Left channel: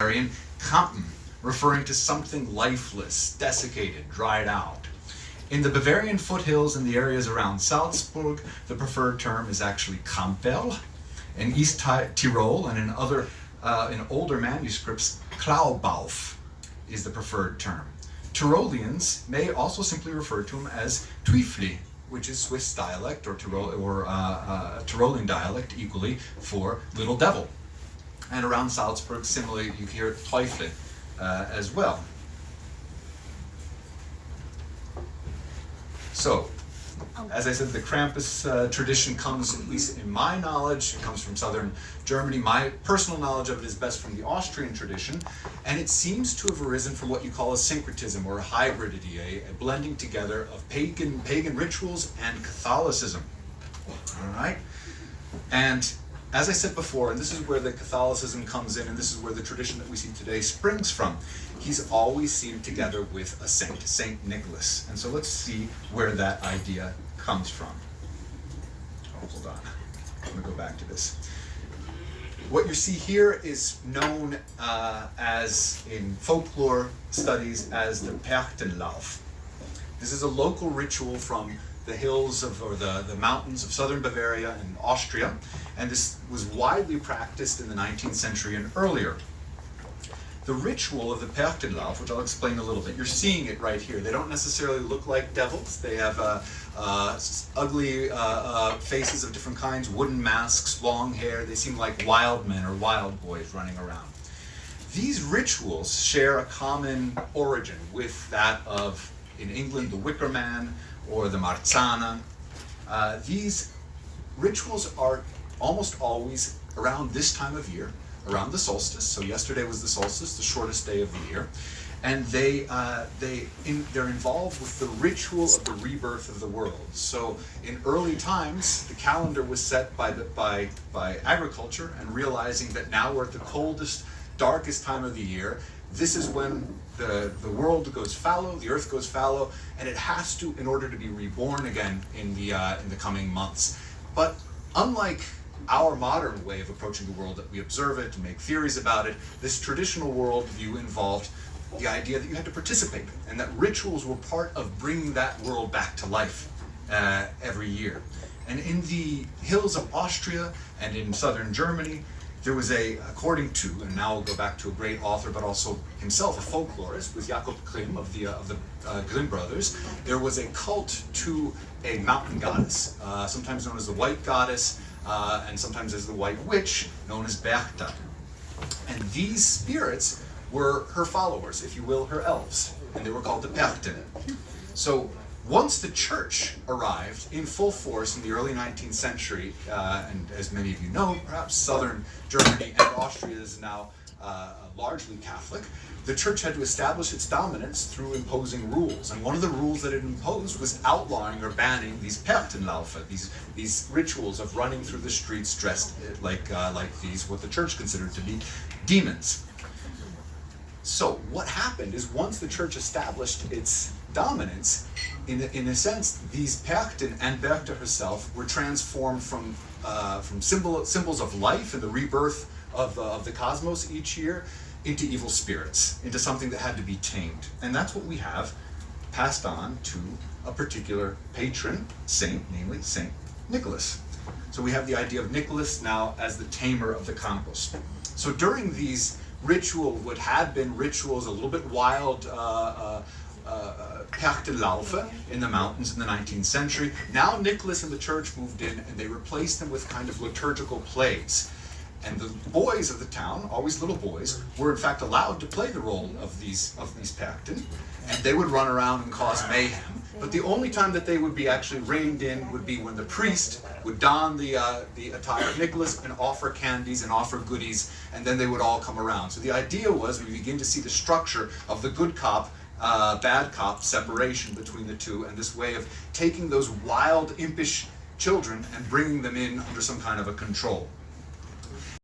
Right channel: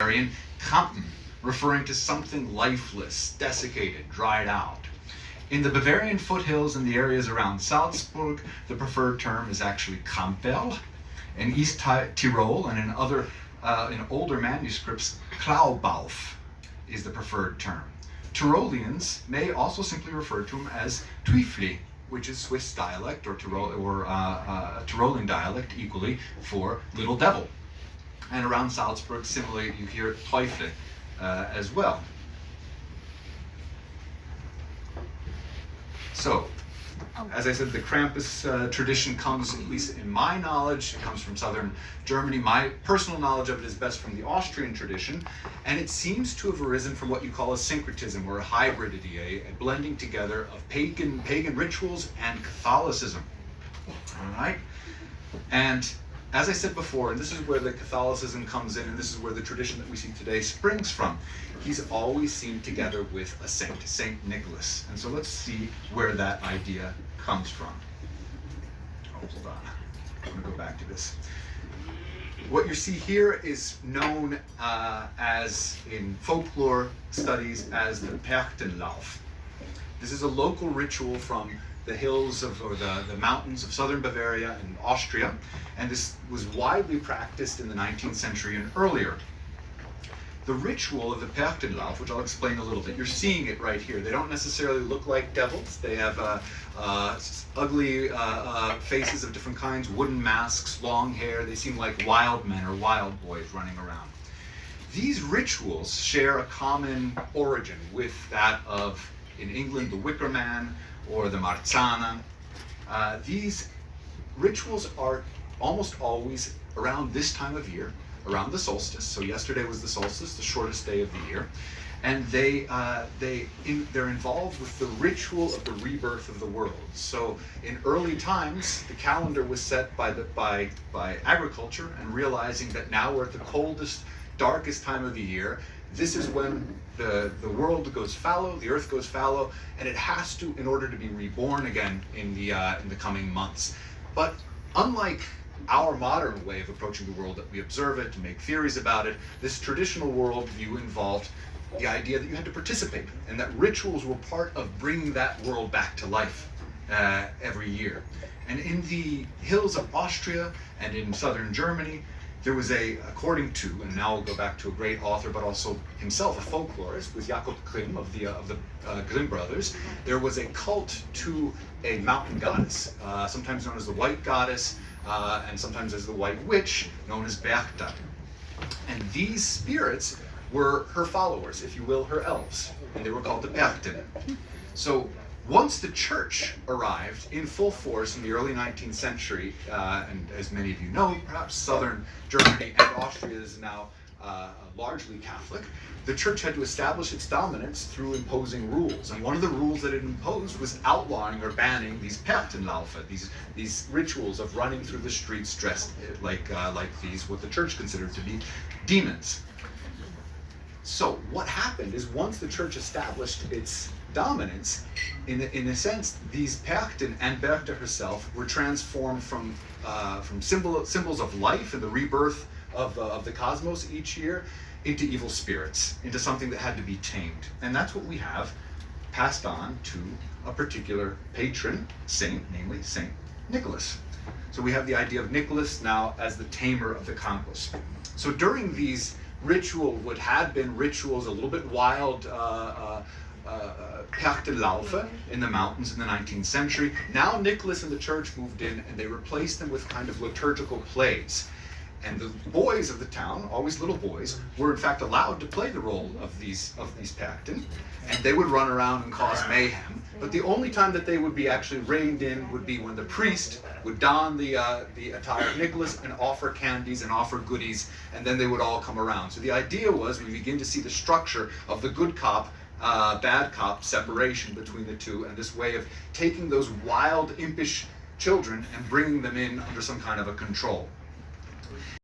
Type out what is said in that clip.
Bavarian Krampus, referring to something lifeless, desiccated, dried out. In the Bavarian foothills and the areas around Salzburg, the preferred term is actually Krampel. In East Tyrol and in older manuscripts, Klaubauf is the preferred term. Tyroleans may also simply refer to him as Teufli, which is Swiss dialect or Tyrolean dialect equally for little devil. And around Salzburg, similarly, you hear Teufel as well. So, as I said, the Krampus tradition comes, at least in my knowledge, it comes from southern Germany. My personal knowledge of it is best from the Austrian tradition, and it seems to have arisen from what you call a syncretism or a hybridity, a blending together of pagan rituals and Catholicism. All right? And as I said before, and this is where the Catholicism comes in, and this is where the tradition that we see today springs from, he's always seen together with a saint, Saint Nicholas. And so let's see where that idea comes from. Oh, hold on. I'm going to go back to this. What you see here is known as, in folklore studies, as the Perchtenlauf. This is a local ritual from the hills or the mountains of southern Bavaria and Austria, and this was widely practiced in the 19th century and earlier. The ritual of the Perchtenlauf, which I'll explain a little bit, you're seeing it right here. They don't necessarily look like devils. They have ugly faces of different kinds, wooden masks, long hair. They seem like wild men or wild boys running around. These rituals share a common origin with that of, in England, the Wicker Man, or the Marzana. These rituals are almost always around this time of year, around the solstice. So yesterday was the solstice, the shortest day of the year. And they're involved with the ritual of the rebirth of the world. So in early times, the calendar was set by agriculture, and realizing that now we're at the coldest, darkest time of the year. This is when the world goes fallow, the earth goes fallow, and it has to, in order to be reborn again in the coming months. But unlike our modern way of approaching the world, that we observe it and make theories about it, this traditional worldview involved the idea that you had to participate, and that rituals were part of bringing that world back to life every year. And in the hills of Austria and in southern Germany, there was according to, and now we'll go back to a great author, but also himself a folklorist, was Jakob Grimm of the Grimm brothers. There was a cult to a mountain goddess, sometimes known as the White Goddess, and sometimes as the White Witch, known as Berchta. And these spirits were her followers, if you will, her elves, and they were called the Perchten. So once the church arrived in full force in the early 19th century, and as many of you know, perhaps southern Germany and Austria is now largely Catholic, the church had to establish its dominance through imposing rules. And one of the rules that it imposed was outlawing or banning these Perchtenlaufe, these rituals of running through the streets dressed like these, what the church considered to be demons. So what happened is, once the church established its dominance, in a sense, these Perchten and Berchta herself were transformed from symbols of life and the rebirth of the cosmos each year into evil spirits, into something that had to be tamed. And that's what we have passed on to a particular patron saint, namely Saint Nicholas. So we have the idea of Nicholas now as the tamer of the Krampus. So during these rituals, what had been rituals a little bit wild, Perchtenlaufe in the mountains in the 19th century. Now Nicholas and the church moved in, and they replaced them with kind of liturgical plays. And the boys of the town, always little boys, were in fact allowed to play the role of these Perchten, and they would run around and cause mayhem. But the only time that they would be actually reined in would be when the priest would don the attire of Nicholas and offer candies and offer goodies, and then they would all come around. So the idea was, we begin to see the structure of the good cop, bad cop separation between the two, and this way of taking those wild, impish children and bringing them in under some kind of a control.